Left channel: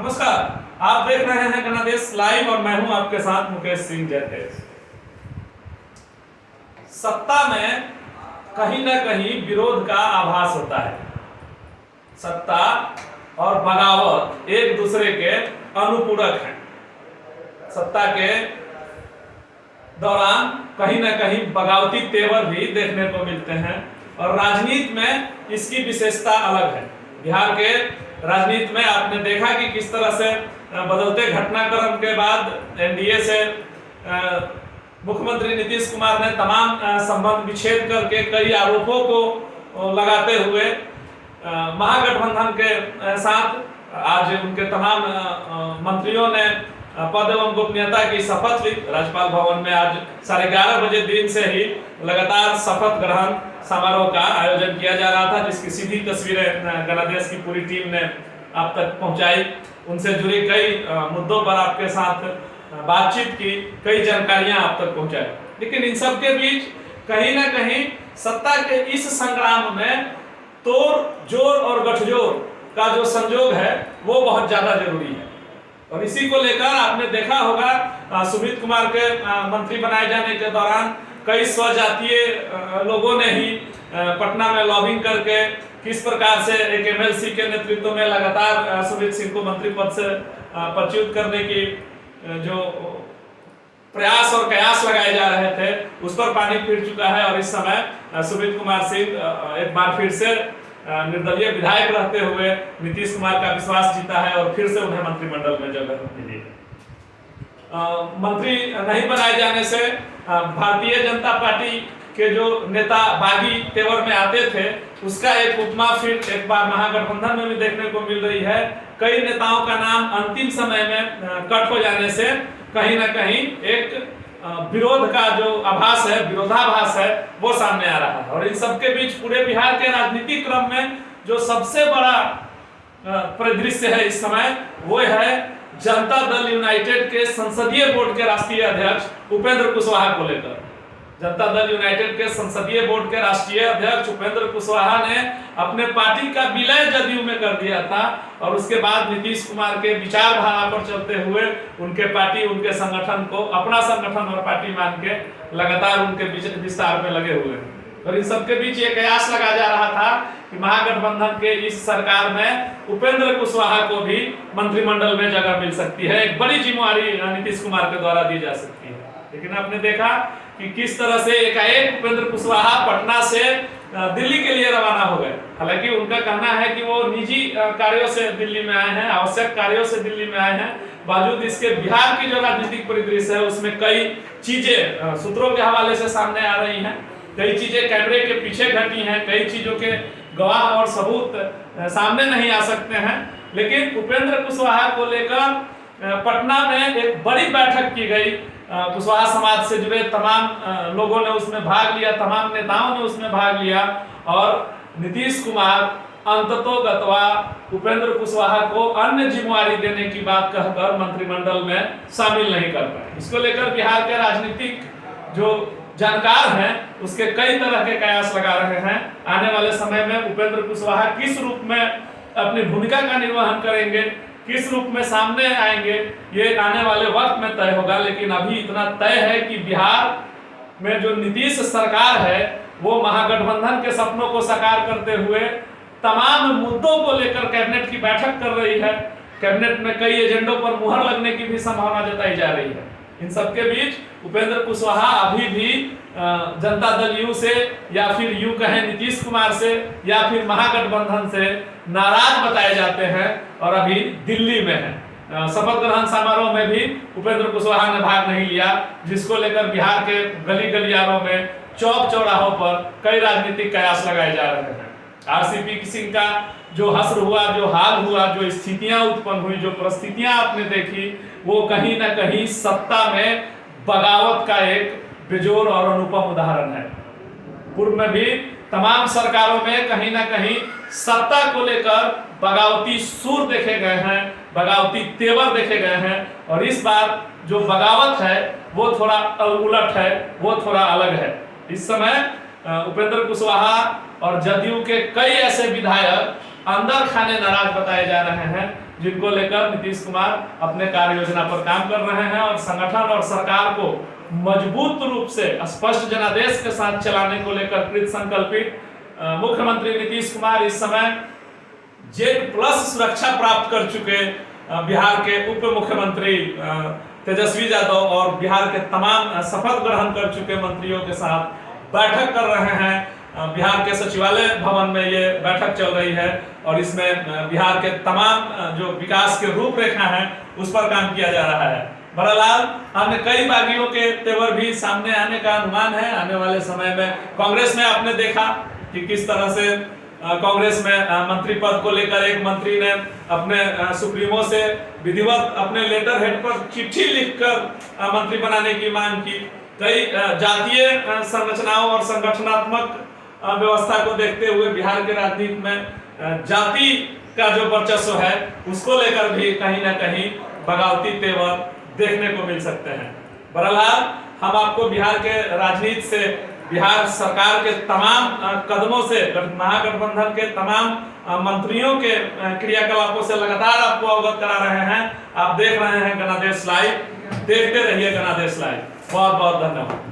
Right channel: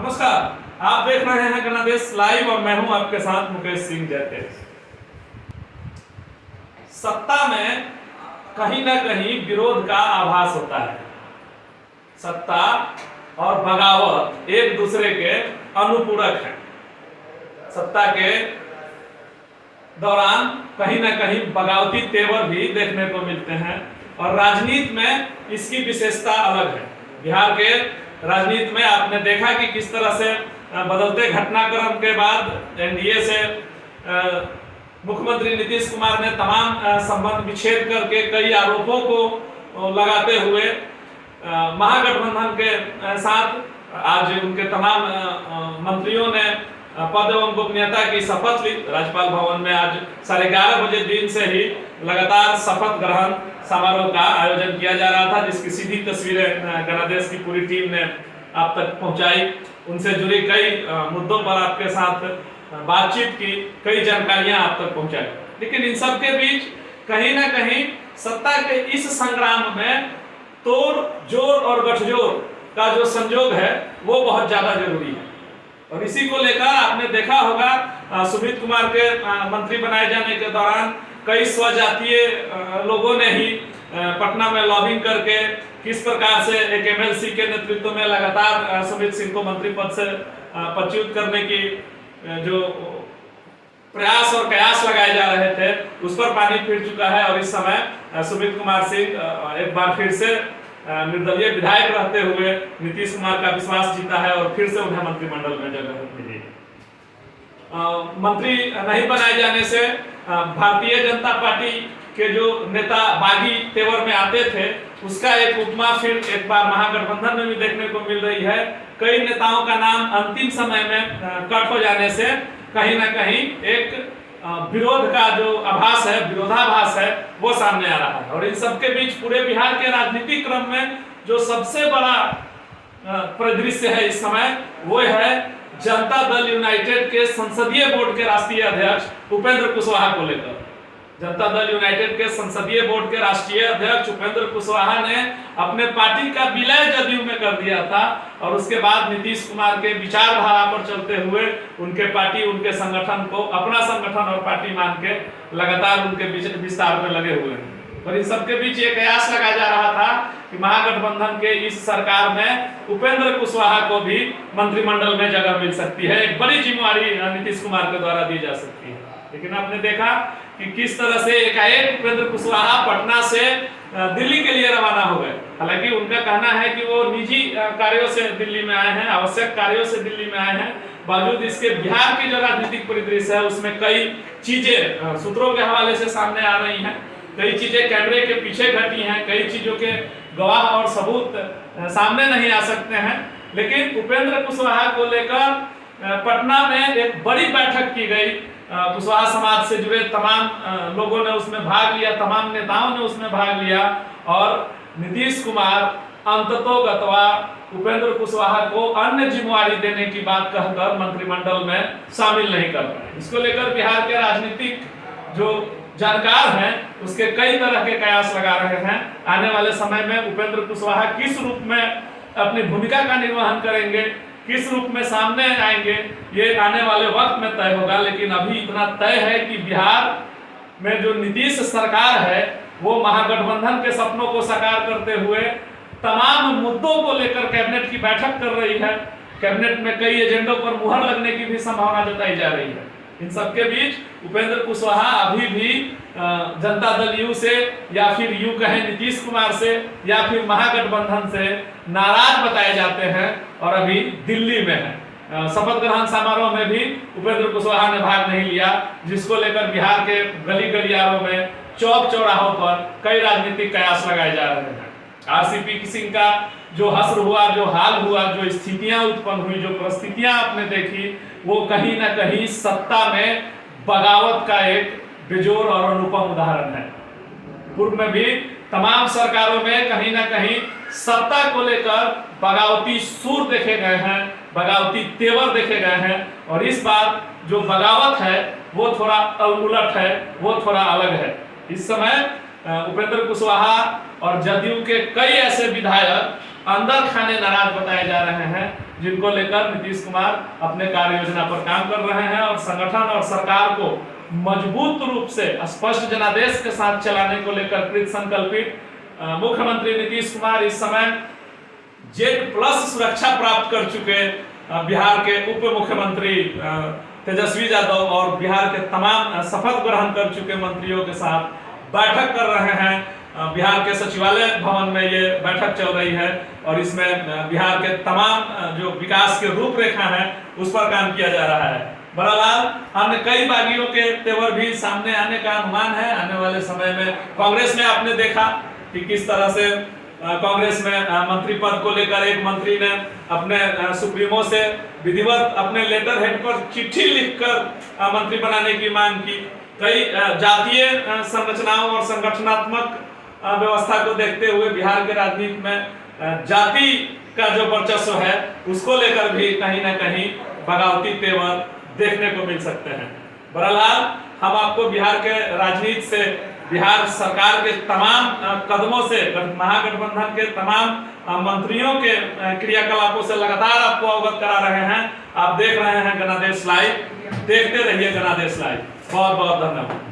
नमस्कार, आप देख रहे हैं गणदेश लाइव और मैं हूं आपके साथ मुकेश सिंह जैतेश। सत्ता में कहीं ना कहीं विरोध का आभास होता है। सत्ता और बगावत एक दूसरे के अनुपूरक हैं। सत्ता के दौरान कहीं ना कहीं बगावती तेवर भी देखने को मिलते हैं और राजनीति में इसकी विशेषता अलग है। बिहार के राजनीति में आपने देखा कि किस तरह से बदलते घटनाक्रम के बाद एनडीए से मुख्यमंत्री नीतीश कुमार ने तमाम संबंध विच्छेद करके कई आरोपों को लगाते हुए महागठबंधन के साथ आज उनके तमाम मंत्रियों ने पद एवं गोपनीयता की शपथ ली। राज्यपाल भवन में आज 11:30 बजे दिन से ही लगातार शपथ ग्रहण समारोह का आयोजन किया जा रहा था, जिसकी सीधी तस्वीरें गणदेश की पूरी टीम ने आप तक पहुंचाई। उनसे जुड़े कई मुद्दों पर आपके साथ बातचीत की, कई जानकारियां आप तक पहुंचाई। लेकिन इन सब के बीच कहीं ना कहीं सत्ता के इस संग्राम में तोड़ जोड़ और गठजोड़ का जो संजोग है वो बहुत ज्यादा जरूरी है। और इसी को लेकर आपने देखा होगा सुमित कुमार के मंत्री बनाए जाने के दौरान कई स्वजातीय लोगों ने ही पटना में लॉबिंग करके किस प्रकार से एक एमएलसी के नेतृत्व में लगातार सुमित सिंह को मंत्री पद से पदच्युत करने की जो प्रयास और कयास लगाए जा रहे थे उस पर पानी फिर चुका है। और इस समय सुमित कुमार सिंह एक बार फिर से निर्दलीय विधायक रहते हुए नीतीश कुमार का विश्वास जीता है और फिर से उन्हें मंत्रिमंडल में जगह मिली। मंत्री नहीं बनाए जाने से भारतीय जनता पार्टी के जो नेता बागी तेवर में आते थे उसका एक उपमा फिर एक बार महागठबंधन में भी देखने को मिल रही है। कई नेताओं का नाम अंतिम समय में कट हो जाने से कहीं ना कहीं एक विरोध का जो आभास है, विरोधाभास है, वो सामने आ रहा है। और इन सबके बीच पूरे बिहार के राजनीतिक क्रम में जो सबसे बड़ा परिदृश्य है इस समय वो है जनता दल यूनाइटेड के संसदीय बोर्ड के राष्ट्रीय अध्यक्ष उपेंद्र कुशवाहा को लेकर। जनता दल यूनाइटेड के संसदीय बोर्ड के राष्ट्रीय अध्यक्ष उपेंद्र कुशवाहा ने अपने पार्टी का विलय जदयू में कर दिया था और उसके बाद नीतीश कुमार के विचारधारा पर चलते हुए उनके पार्टी, उनके संगठन को अपना संगठन और पार्टी मान के लगातार उनके विस्तार में लगे हुए हैं। और इन सबके बीच ये कयास लगाया जा रहा था कि महागठबंधन के इस सरकार में उपेंद्र कुशवाहा को भी मंत्रिमंडल में जगह मिल सकती है, एक बड़ी जिम्मेवारी नीतीश कुमार के द्वारा दी जा सकती है। लेकिन आपने देखा कि किस तरह से एकाएक उपेंद्र कुशवाहा पटना से दिल्ली के लिए रवाना हो गए। हालांकि उनका कहना है कि वो निजी कार्यों से दिल्ली में आए हैं, आवश्यक कार्यों से दिल्ली में आए हैं। बावजूद इसके बिहार की जो राजनीतिक परिदृश्य है उसमें कई चीजें सूत्रों के हवाले से सामने आ रही हैं, कई चीजें कैमरे के पीछे घटी हैं, कई चीजों के गवाह और सबूत सामने नहीं आ सकते हैं। लेकिन उपेंद्र कुशवाहा को लेकर पटना में एक बड़ी बैठक की गई। कुशवाहा समाज से जुड़े तमाम लोगों ने उसमें भाग लिया, तमाम नेताओं ने उसमें भाग लिया और नीतीश कुमार अंततोगत्वा उपेंद्र कुशवाहा को अन्य जिम्मेवारी देने की बात कहकर मंत्रिमंडल में शामिल नहीं कर पाए। इसको लेकर बिहार के राजनीतिक जो जानकार हैं उसके कई तरह के कयास लगा रहे हैं। आने वाले समय में उपेंद्र कुशवाहा किस रूप में अपनी भूमिका का निर्वहन करेंगे, किस रूप में सामने आएंगे, ये आने वाले वक्त में तय होगा। लेकिन अभी इतना तय है कि बिहार में जो नीतीश सरकार है वो महागठबंधन के सपनों को साकार करते हुए तमाम मुद्दों को लेकर कैबिनेट की बैठक कर रही है। कैबिनेट में कई एजेंडों पर मुहर लगने की भी संभावना जताई जा रही है। इन सबके बीच उपेंद्र कुशवाहा अभी भी जनता दल यू से या फिर यू कहें नीतीश कुमार से या फिर महागठबंधन से नाराज बताए जाते हैं और अभी दिल्ली में है। शपथ ग्रहण समारोह में भी उपेंद्र कुशवाहा ने भाग नहीं लिया, जिसको लेकर बिहार के गली गलियारों में, चौक चौराहों पर कई राजनीतिक कयास लगाए जा रहे हैं। आरसीपी सिंह का जो हश्र हुआ, जो हाल हुआ, जो स्थितियां उत्पन्न हुई, जो परिस्थितियां आपने देखी, वो कहीं ना कहीं सत्ता में बगावत का एक बेजोर और अनुपम उदाहरण है। पूर्व में भी तमाम सरकारों में कहीं ना कहीं सत्ता को लेकर बगावती सूर देखे गए हैं, बगावती तेवर देखे गए हैं। और इस बार जो बगावत है वो थोड़ा उलट है, वो थोड़ा अलग है। इस समय उपेंद्र कुशवाहा और जदयू के कई ऐसे विधायक अंदर खाने नाराज बताए जा रहे हैं जिनको लेकर नीतीश कुमार अपने कार्य योजना पर काम कर रहे हैं और संगठन और सरकार को मजबूत रूप से स्पष्ट जनादेश के साथ चलाने को लेकर कृत संकल्पित मुख्यमंत्री नीतीश कुमार इस समय Z+ सुरक्षा प्राप्त कर चुके बिहार के उप मुख्यमंत्री तेजस्वी यादव और बिहार के तमाम शपथ ग्रहण कर चुके मंत्रियों के साथ बैठक कर रहे हैं। बिहार के सचिवालय भवन में ये बैठक चल रही है और इसमें बिहार के तमाम जो विकास के रूपरेखा है उस पर काम किया जा रहा है। बहरहाल हमने कई बागियों के तेवर भी सामने आने का अनुमान है। आने वाले समय में कांग्रेस में आपने देखा कि किस तरह से कांग्रेस में मंत्री पद को लेकर एक मंत्री ने अपने सुप्रीमो से विधिवत अपने लेटर हेड पर चिट्ठी लिखकर मंत्री बनाने की मांग की। कई जातीय संरचनाओं और संगठनात्मक व्यवस्था को देखते हुए बिहार के राजनीति में जाति का जो वर्चस्व है उसको लेकर भी कहीं ना कहीं बगावती तेवर देखने को मिल सकते हैं। बहरहाल हम आपको बिहार के राजनीति से, बिहार सरकार के तमाम कदमों से, महागठबंधन के तमाम मंत्रियों के क्रियाकलापों से लगातार आपको अवगत करा रहे हैं। आप देख रहे हैं गणादेश लाइव, देखते रहिए गणादेश लाइव। बहुत बहुत धन्यवाद।